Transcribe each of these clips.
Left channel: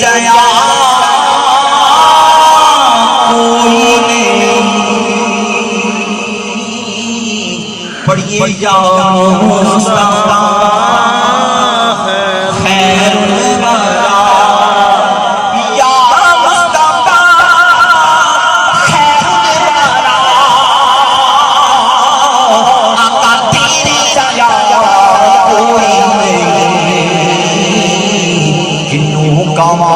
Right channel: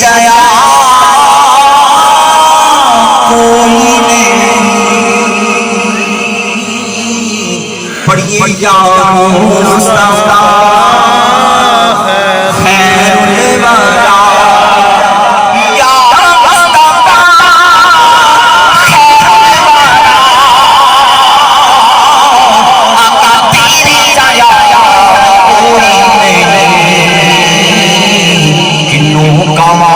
जया कोई नहीं पढ़िए जाओ मुस्तफा खैर वाला या मुस्तफा खैर वाला आका तेरी जया कोई नहीं किन्नू कमा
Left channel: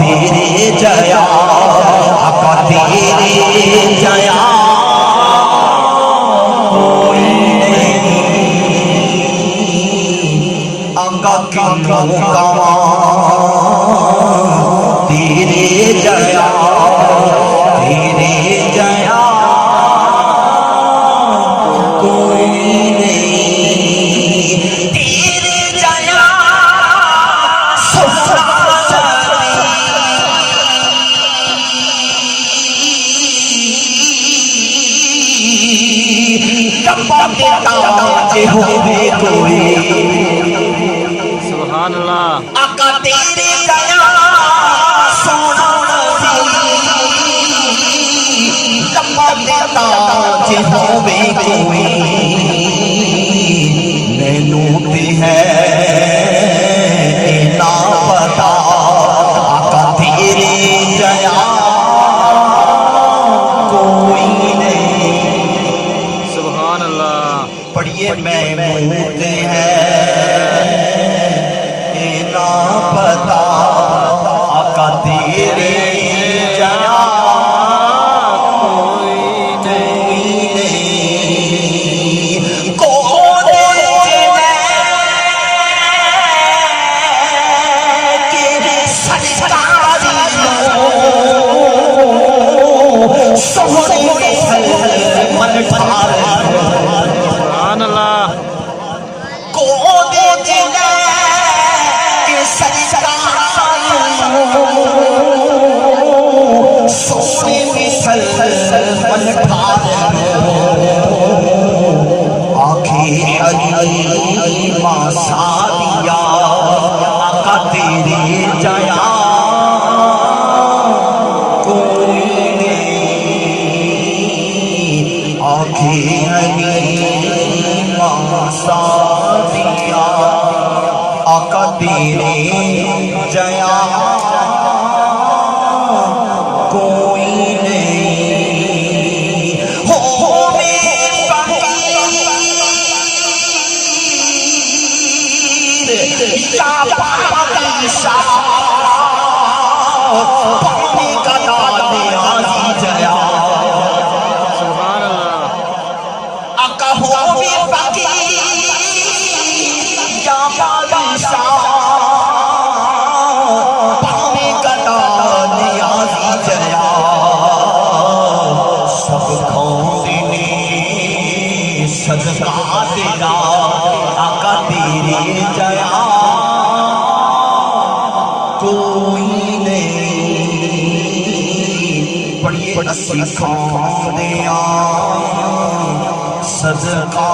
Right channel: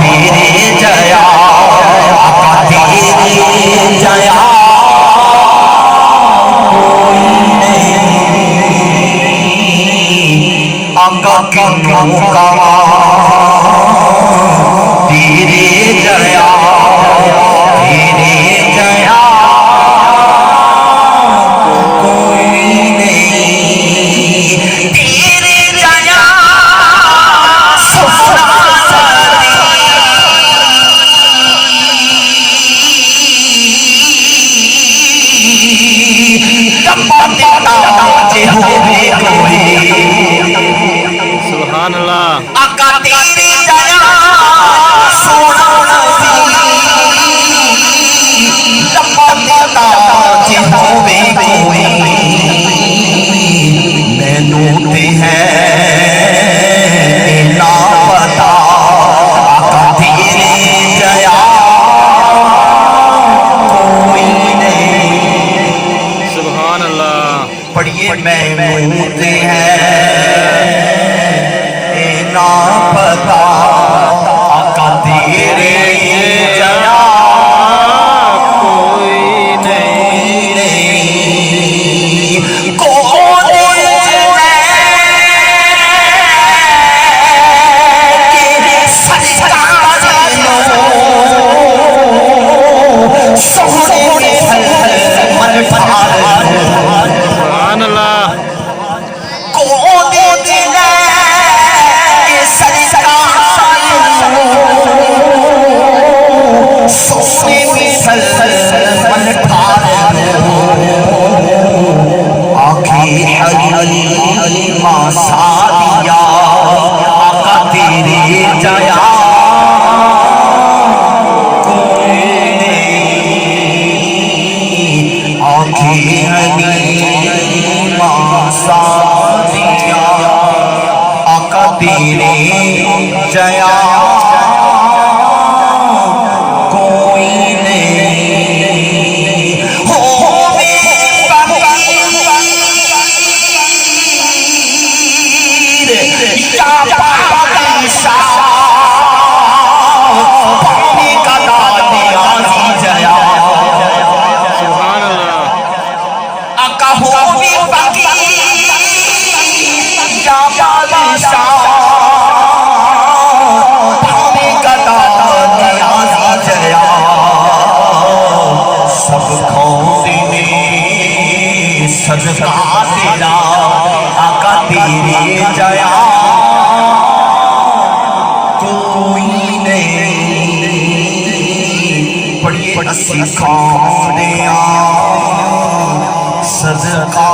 तेरे जया आका तेरी जया आका किन्नू कमा तेरे जया तेरे जया कोई नहीं तेरे जया सुभान अल्लाह। आका तेरी जया सोना लंबा जे होवे कोई मैनू ते है ना पता आका तेरी जया कोई नहीं सुभान अल्लाह। पढ़िए मैनू ते है ना पता आका तेरी जया सुभान अल्लाह। आका तेरी जया कोई नहीं आखी हलीमा सादिया आका तेरी जया कोई नहीं हो सुभान अल्लाह। आका हो या बादशाह पानी कदा नियाज़ी जया सब खोदे सदका तेरा आका तेरी जया कोई नहीं पढ़िए असी खाने सदका